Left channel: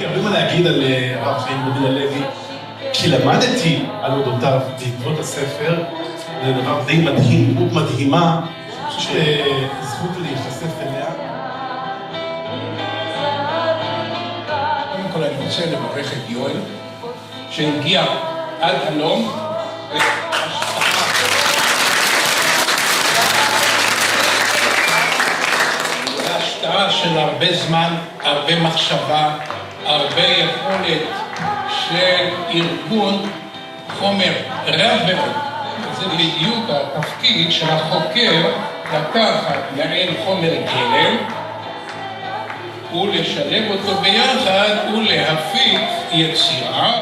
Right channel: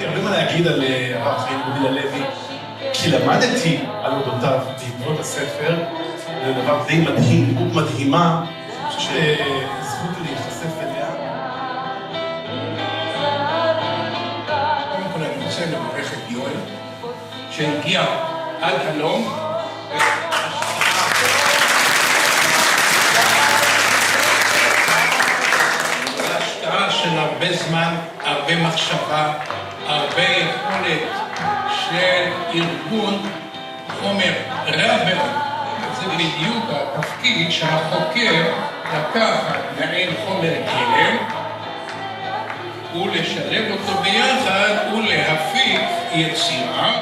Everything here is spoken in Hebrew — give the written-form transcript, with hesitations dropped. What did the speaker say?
לי הרבה מה להגיד על הרב חיים גודי הלוי, כי למדתי על אודותיו בעקבות הספר, זה דבר די מדהים, דמות מדהימה, שזכות לי להיחשף אליה. קודם כל אני רוצה לברך את יואל, שהגיע עד הלום. השקעה של הרבה זמן, הרבה מחשבה, הרבה יכולת של ארגון חומר רב. זה בדיוק התפקיד של החוקר לקחת מעין חומר גלם ולשלב אותו ביחד ולהפיק יצירה.